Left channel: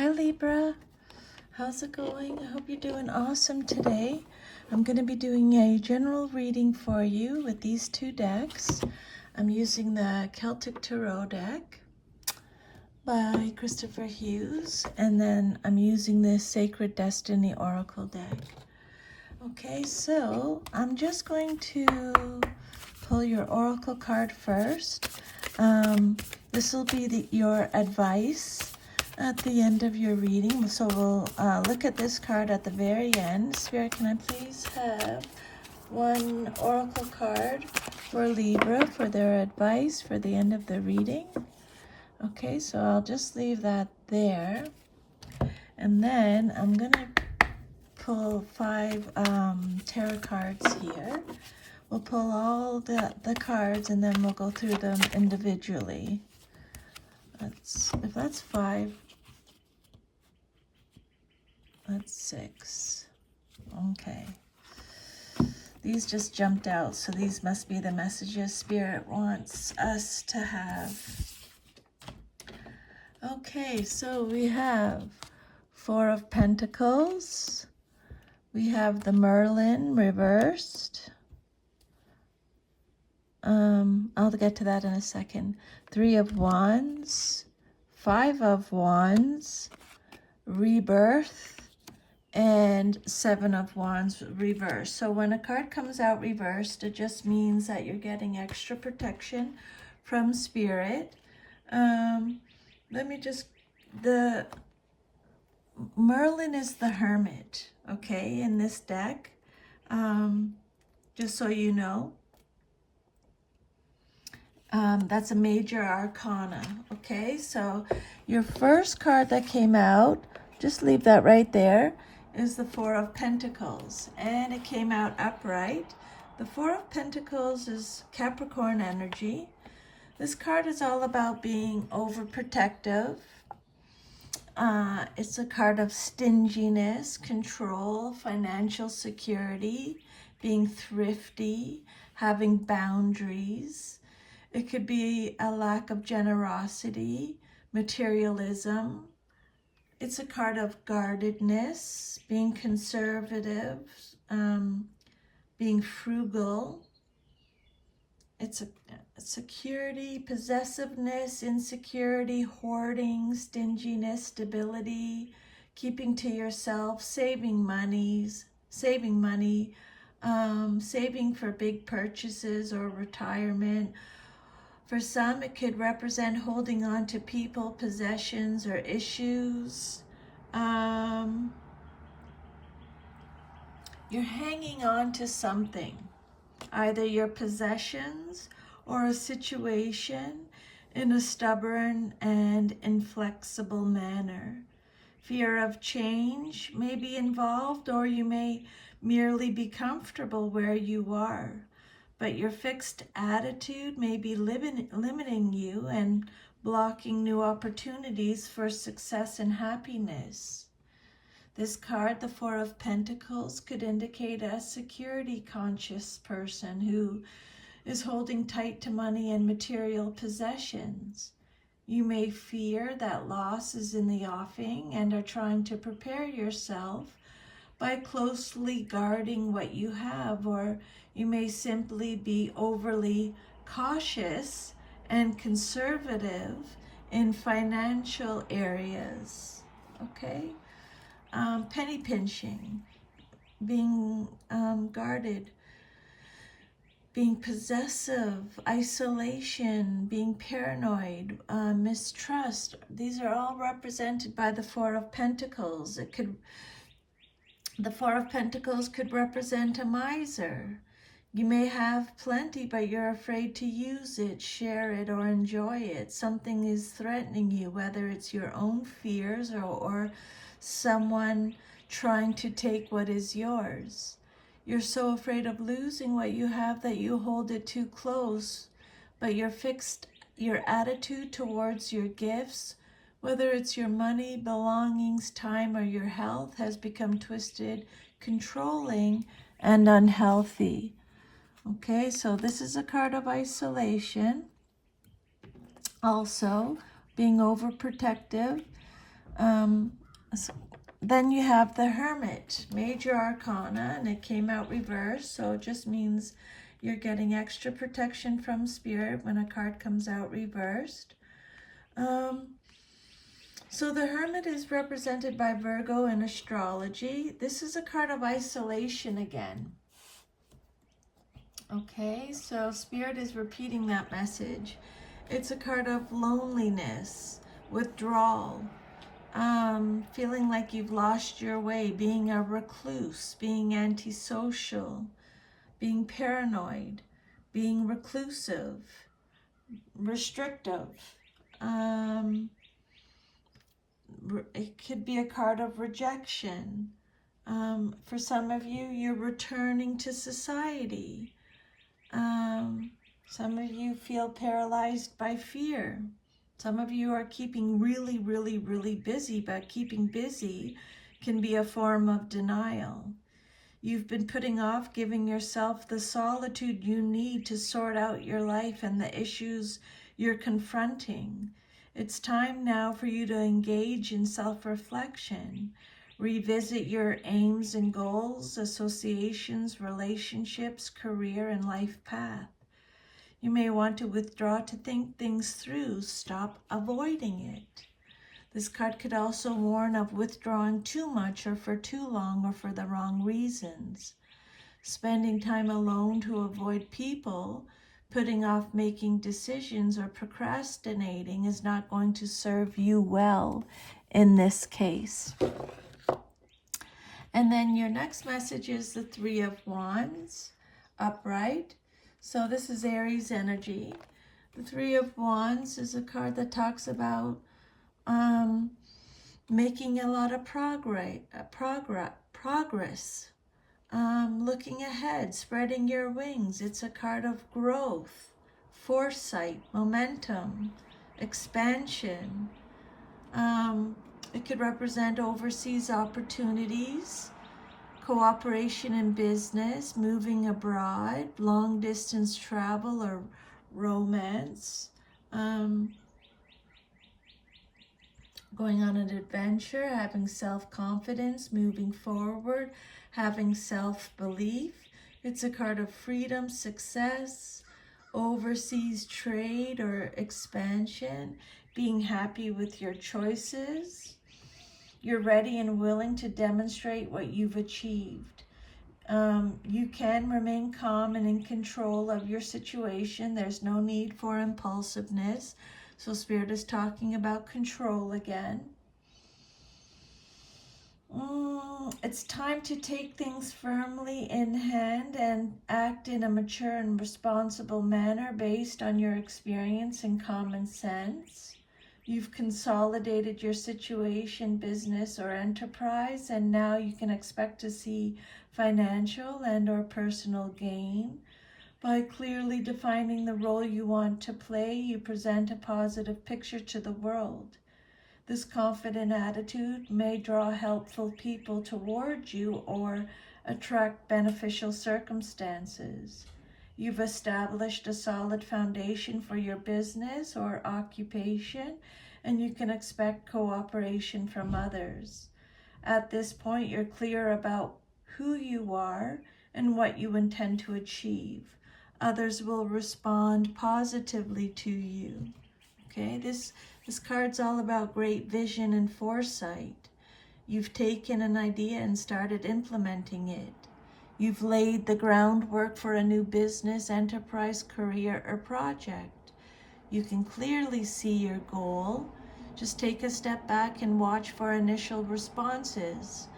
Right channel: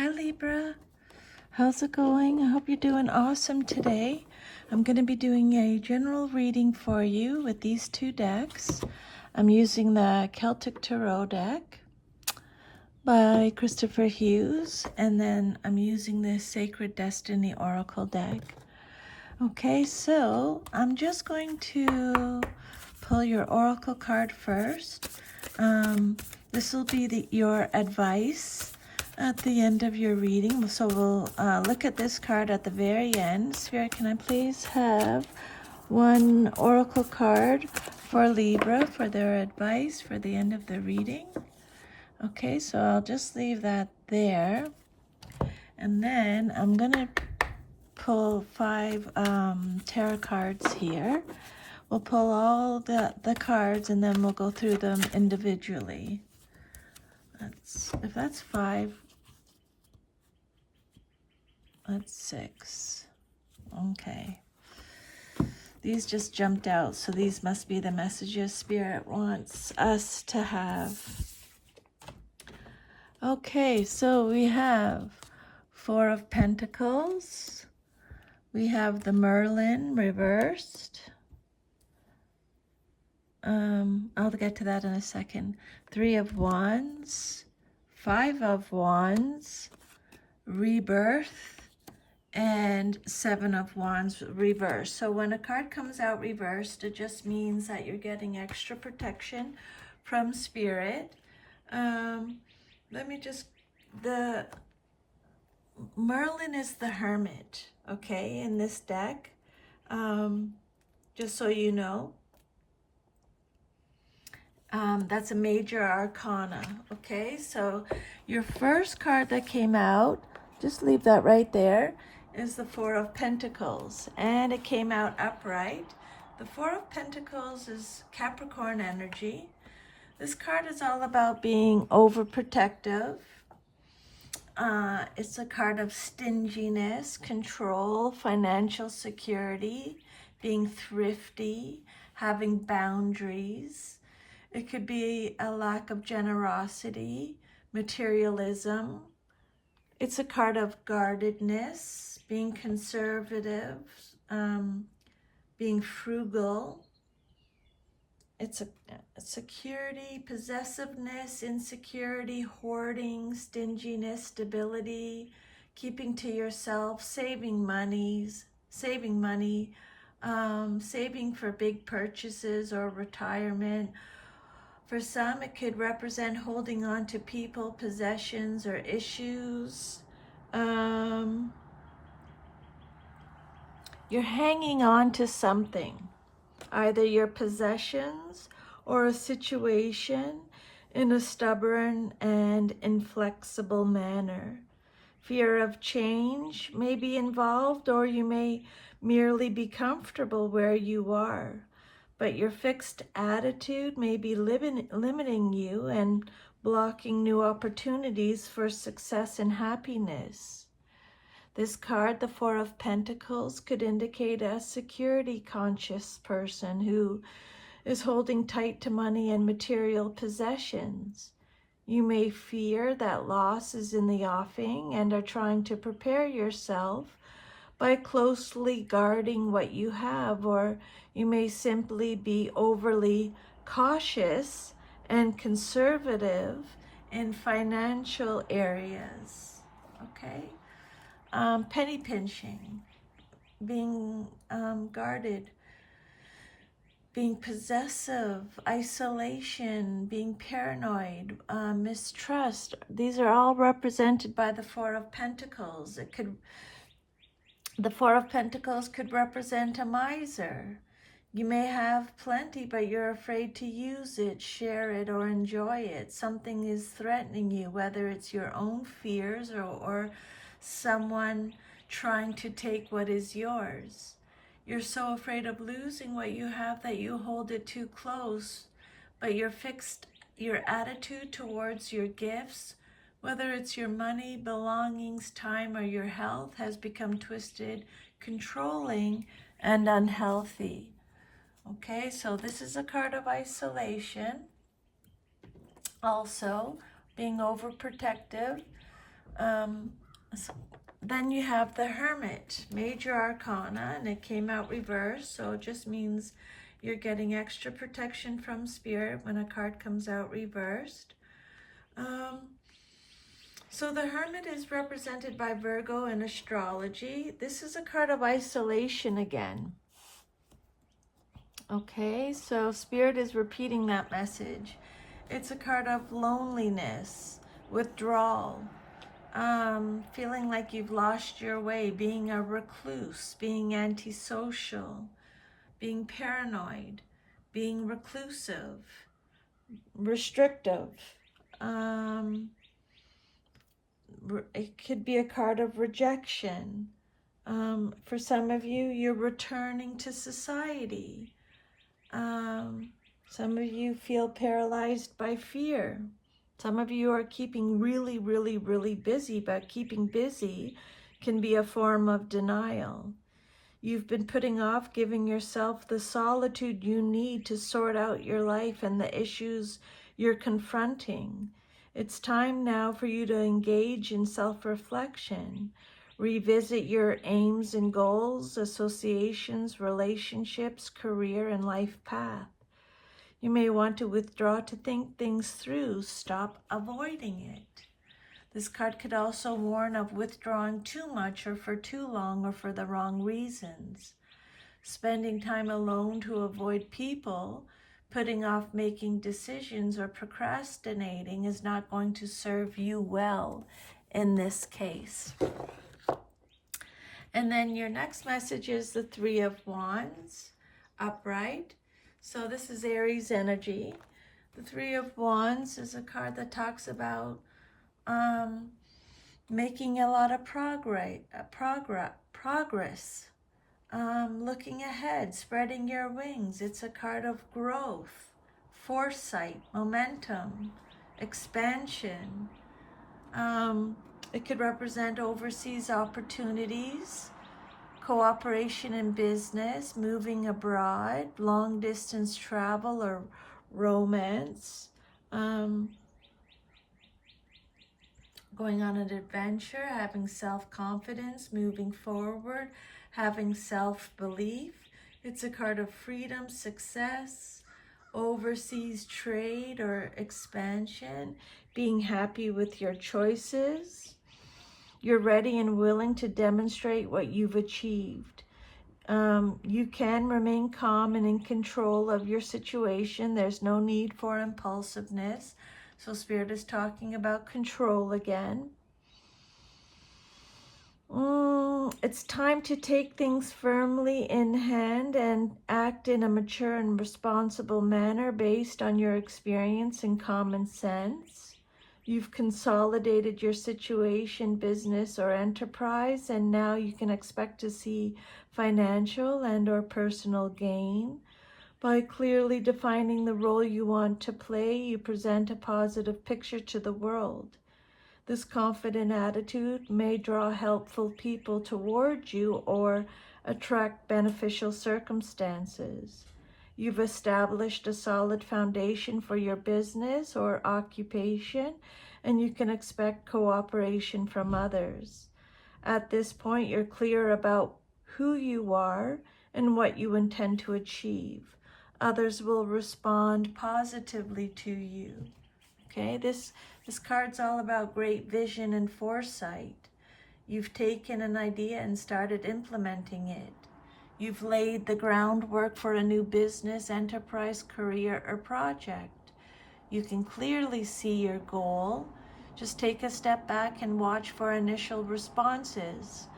Hi Libra, how's it going? I hope you're doing awesome today. I'm going to be doing a general reading for you with these two decks. I'm using the Celtic Tarot deck by Christopher Hughes, and then I'm using the Sacred Destiny Oracle deck. Okay, so I'm just going to pull your Oracle card first. This will be your advice at the end of your reading. So we'll look at this card at the very end. Spirit, can I please have one Oracle card for Libra for their advice for the end of the reading? Okay, so I'll just leave that there. And then I'm going to pull 5 tarot cards here. We'll pull all the cards and then we'll go through them individually. If that's 5, that's 6. Okay. These just jumped out, so these must be the messages Spirit wants us to have. Okay, so we have 4 of Pentacles. We have the Merlin reversed. I'll get to that in a second. 3 of Wands, 5 of Wands, Rebirth, and 7 of Wands reversed. So when a card comes out reversed, it just means that you're getting extra protection from Spirit. The Merlin is the Hermit, okay, in this deck, just so you know. That's a major arcana, okay? So your first card that came out, just leave that right there, is the 4 of Pentacles, and it came out upright. The 4 of Pentacles is Capricorn energy. This card is all about being overprotective. It's a card of stinginess, control, financial security, being thrifty, having boundaries. It could be a lack of generosity, materialism. It's a card of guardedness, being conservative, being frugal. It's a security, possessiveness, insecurity, hoarding, stinginess, stability, keeping to yourself, saving money, saving for big purchases or retirement. For some, it could represent holding on to people, possessions, or issues. You're hanging on to something, either your possessions or a situation, in a stubborn and inflexible manner. Fear of change may be involved, or you may merely be comfortable where you are. But your fixed attitude may be limiting you and blocking new opportunities for success and happiness. This card, the 4 of Pentacles, could indicate a security-conscious person who is holding tight to money and material possessions. You may fear that loss is in the offing and are trying to prepare yourself by closely guarding what you have, or you may simply be overly cautious and conservative in financial areas, okay? Penny pinching, being guarded, being possessive, isolation, being paranoid, mistrust. These are all represented by the 4 of Pentacles. The 4 of Pentacles could represent a miser. You may have plenty, but you're afraid to use it, share it, or enjoy it. Something is threatening you, whether it's your own fears or someone trying to take what is yours. You're so afraid of losing what you have that you hold it too close, but your attitude towards your gifts, whether it's your money, belongings, time, or your health, has become twisted, controlling, and unhealthy. Okay, so this is a card of isolation. Also, being overprotective. Then you have the Hermit, Major Arcana, and it came out reversed, so it just means you're getting extra protection from Spirit when a card comes out reversed. So the Hermit is represented by Virgo in astrology. This is a card of isolation again. Okay, so Spirit is repeating that message. It's a card of loneliness, withdrawal, feeling like you've lost your way, being a recluse, being antisocial, being paranoid, being reclusive, restrictive. It could be a card of rejection. For some of you, you're returning to society. Some of you feel paralyzed by fear. Some of you are keeping really, really, really busy, but keeping busy can be a form of denial. You've been putting off giving yourself the solitude you need to sort out your life and the issues you're confronting. It's time now for you to engage in self-reflection. Revisit your aims and goals, associations, relationships, career, and life path. You may want to withdraw to think things through. Stop avoiding it. This card could also warn of withdrawing too much or for too long or for the wrong reasons. Spending time alone to avoid people, putting off making decisions, or procrastinating is not going to serve you well in this case. And then your next message is the Three of Wands, upright. So this is Aries energy. The Three of Wands is a card that talks about making a lot of progress, looking ahead, spreading your wings. It's a card of growth, foresight, momentum, expansion. It could represent overseas opportunities, cooperation in business, moving abroad, long distance travel or romance, going on an adventure, having self-confidence, moving forward, having self-belief. It's a card of freedom, success, overseas trade or expansion, being happy with your choices. You're ready and willing to demonstrate what you've achieved. You can remain calm and in control of your situation. There's no need for impulsiveness. So Spirit is talking about control again. It's time to take things firmly in hand and act in a mature and responsible manner based on your experience and common sense. You've consolidated your situation, business, or enterprise, and now you can expect to see financial and/or personal gain. By clearly defining the role you want to play, you present a positive picture to the world. This confident attitude may draw helpful people toward you or attract beneficial circumstances. You've established a solid foundation for your business or occupation, and you can expect cooperation from others. At this point, you're clear about who you are and what you intend to achieve. Others will respond positively to you. Okay, this card's all about great vision and foresight. You've taken an idea and started implementing it. You've laid the groundwork for a new business, enterprise, career, or project. You can clearly see your goal. Just take a step back and watch for initial responses.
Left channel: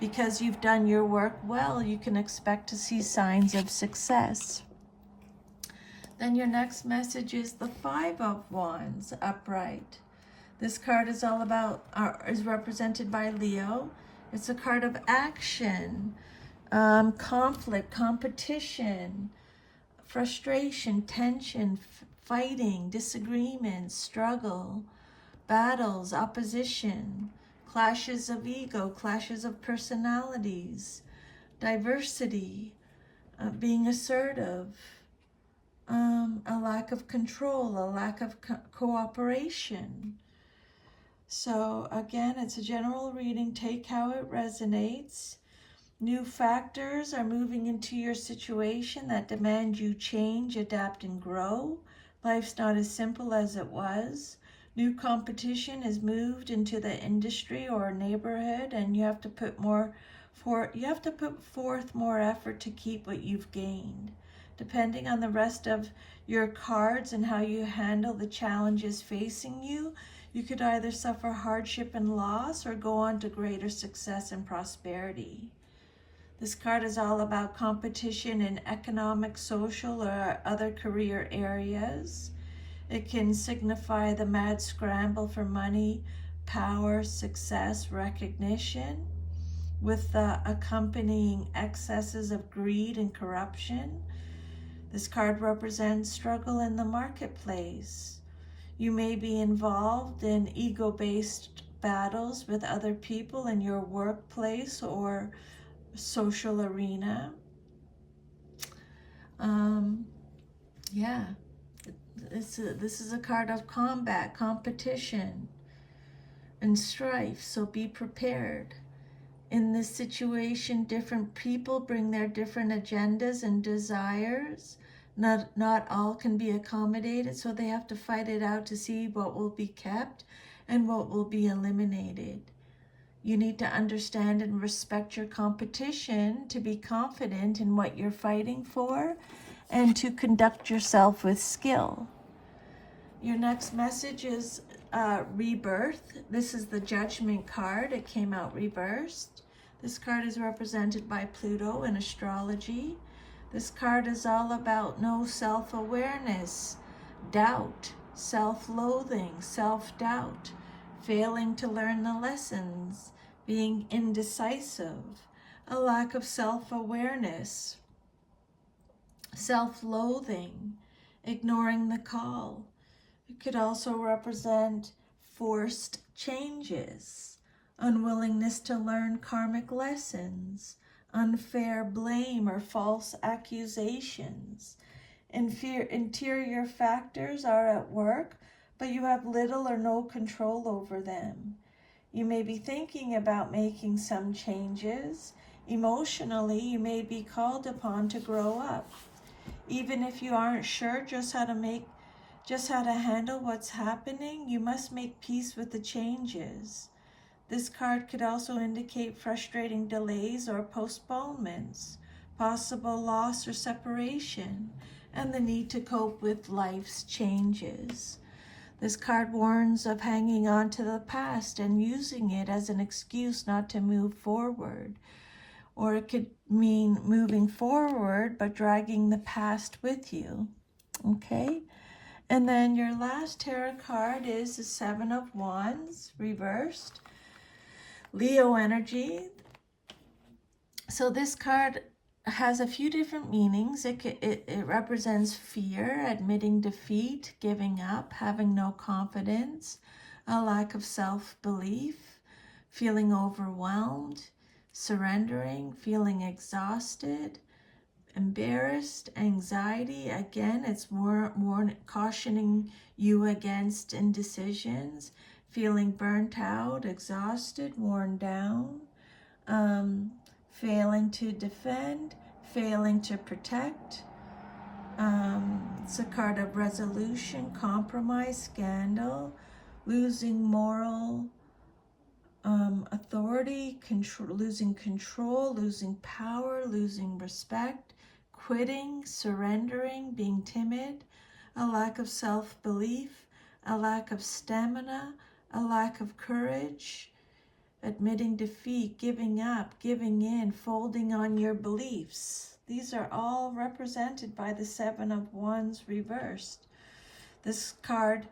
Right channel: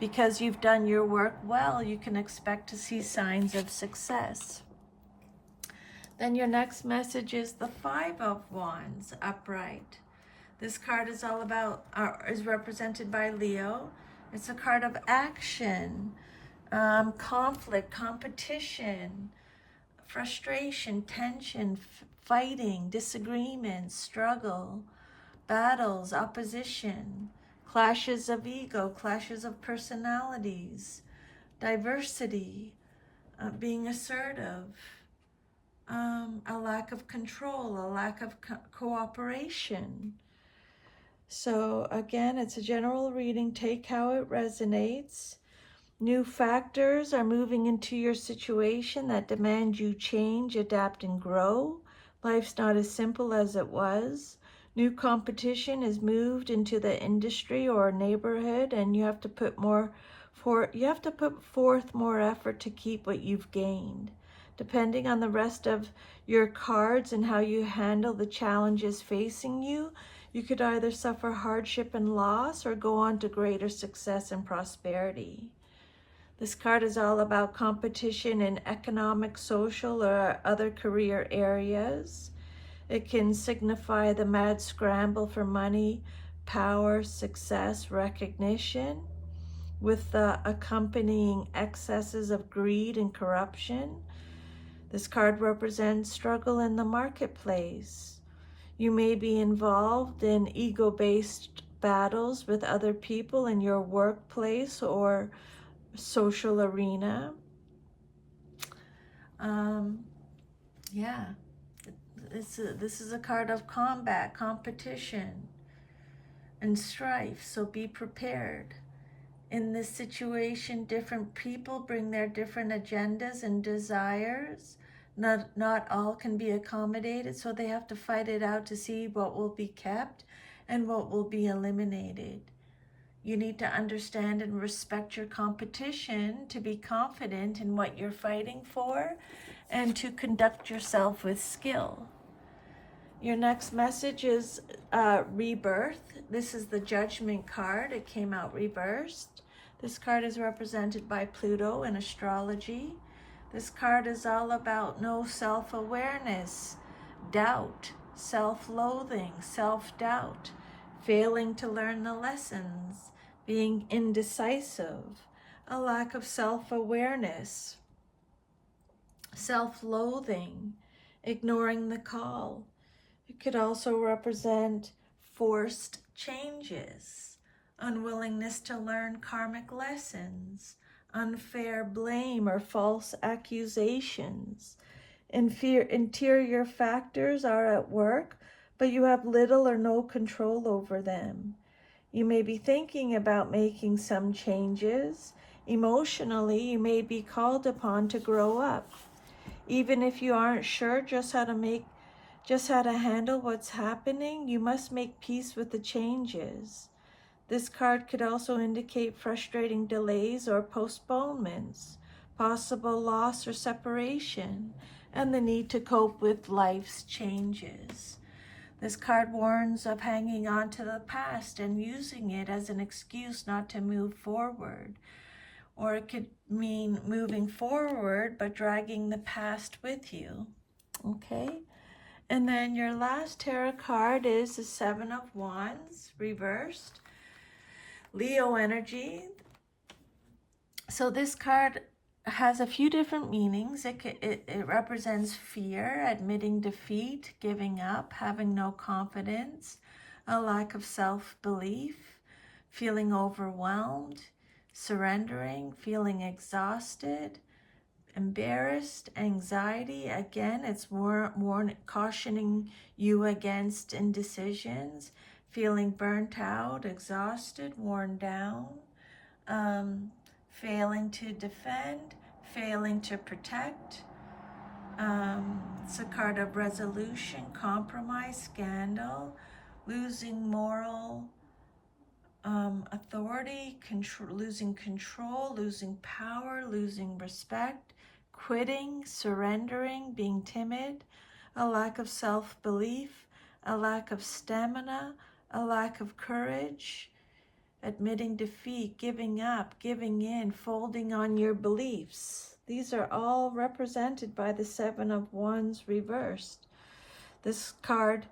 Because you've done your work well, you can expect to see signs of success. Then your next message is the Five of Wands, upright. This card is all about, is represented by Leo. It's a card of action, conflict, competition, frustration, tension, fighting, disagreement, struggle, battles, opposition, clashes of ego, clashes of personalities, diversity, being assertive, a lack of control, a lack of cooperation. So again, it's a general reading. Take how it resonates. New factors are moving into your situation that demand you change, adapt, and grow. Life's not as simple as it was. New competition is moved into the industry or neighborhood, and you have to put forth more effort to keep what you've gained. Depending on the rest of your cards and how you handle the challenges facing you, you could either suffer hardship and loss or go on to greater success and prosperity. This card is all about competition in economic, social, or other career areas. It can signify the mad scramble for money, power, success, recognition, with the accompanying excesses of greed and corruption. This card represents struggle in the marketplace. You may be involved in ego-based battles with other people in your workplace or social arena. This is a card of combat, competition, and strife, so be prepared. In this situation, different people bring their different agendas and desires. Not all can be accommodated, so they have to fight it out to see what will be kept and what will be eliminated. You need to understand and respect your competition to be confident in what you're fighting for and to conduct yourself with skill. Your next message is rebirth. This is the Judgment card. It came out reversed. This card is represented by Pluto in astrology. This card is all about no self-awareness, doubt, self-loathing, self-doubt, failing to learn the lessons, being indecisive, a lack of self-awareness, self-loathing, ignoring the call. It could also represent forced changes, unwillingness to learn karmic lessons, unfair blame or false accusations. Interior factors are at work, but you have little or no control over them. You may be thinking about making some changes. Emotionally, you may be called upon to grow up. Even if you aren't sure just how to handle what's happening, you must make peace with the changes. This card could also indicate frustrating delays or postponements, possible loss or separation, and the need to cope with life's changes. This card warns of hanging on to the past and using it as an excuse not to move forward. Or it could mean moving forward but dragging the past with you. Okay? And then your last tarot card is the Seven of Wands, reversed. Leo energy. So this card has a few different meanings. It represents fear, admitting defeat, giving up, having no confidence, a lack of self-belief, feeling overwhelmed, surrendering, feeling exhausted, embarrassed, anxiety. Again, it's more cautioning you against indecisions, feeling burnt out, exhausted, worn down, failing to defend, failing to protect. It's a card of resolution, compromise, scandal, losing moral authority, losing control, losing power, losing respect, quitting, surrendering, being timid, a lack of self-belief, a lack of stamina, a lack of courage, admitting defeat, giving up, giving in, folding on your beliefs. These are all represented by the Seven of Wands reversed. This card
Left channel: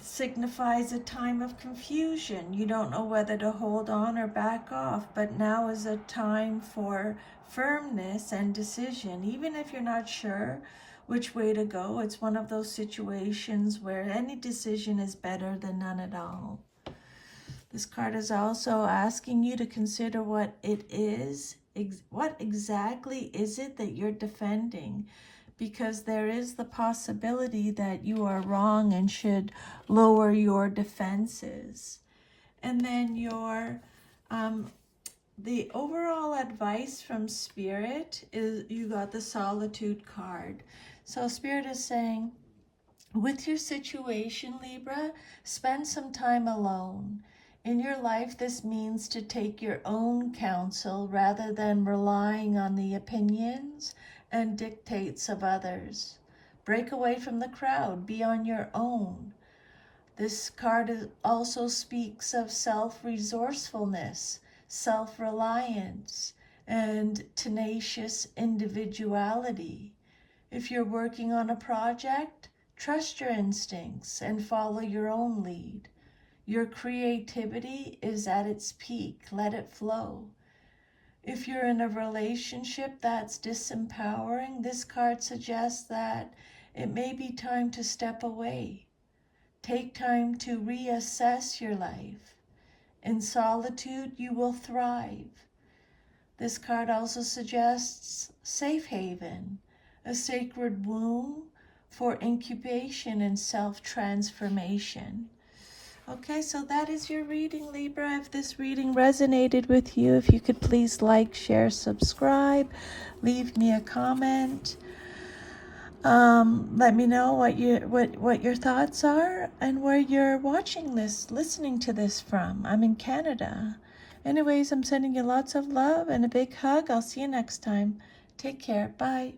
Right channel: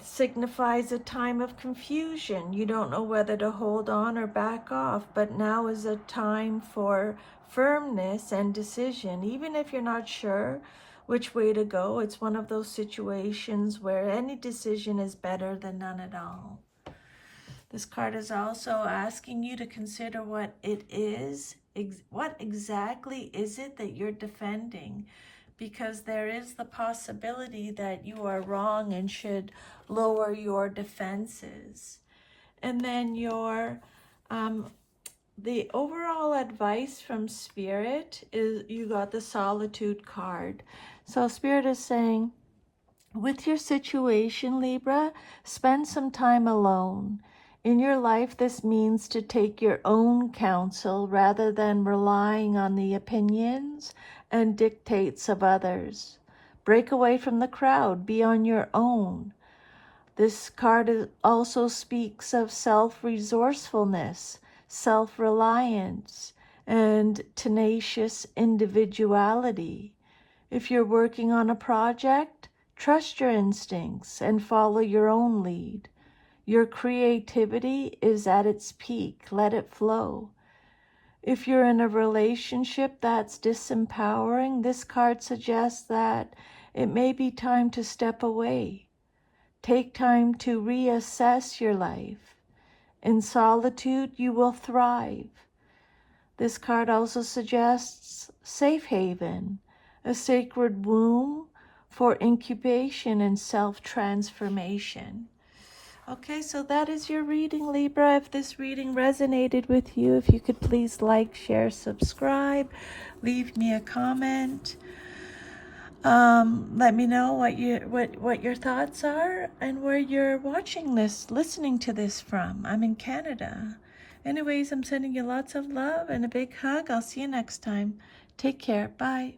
signifies a time of confusion. You don't know whether to hold on or back off, but now is a time for firmness and decision. Even if you're not sure which way to go, it's one of those situations where any decision is better than none at all. This card is also asking you to consider what it is, what exactly is it that you're defending, because there is the possibility that you are wrong and should lower your defenses. And then the overall advice from Spirit is you got the Solitude card. So Spirit is saying, with your situation, Libra, spend some time alone. In your life, this means to take your own counsel rather than relying on the opinions and dictates of others. Break away from the crowd, be on your own. This card also speaks of self-resourcefulness, self-reliance, and tenacious individuality. If you're working on a project, trust your instincts and follow your own lead. Your creativity is at its peak. Let it flow. If you're in a relationship that's disempowering, this card suggests that it may be time to step away. Take time to reassess your life. In solitude, you will thrive. This card also suggests safe haven, a sacred womb for incubation and self-transformation. Okay, so that is your reading, Libra. If this reading resonated with you, if you could please like, share, subscribe, leave me a comment. Let me know what your thoughts are and where you're watching this, listening to this from. I'm in Canada. Anyways, I'm sending you lots of love and a big hug. I'll see you next time. Take care. Bye.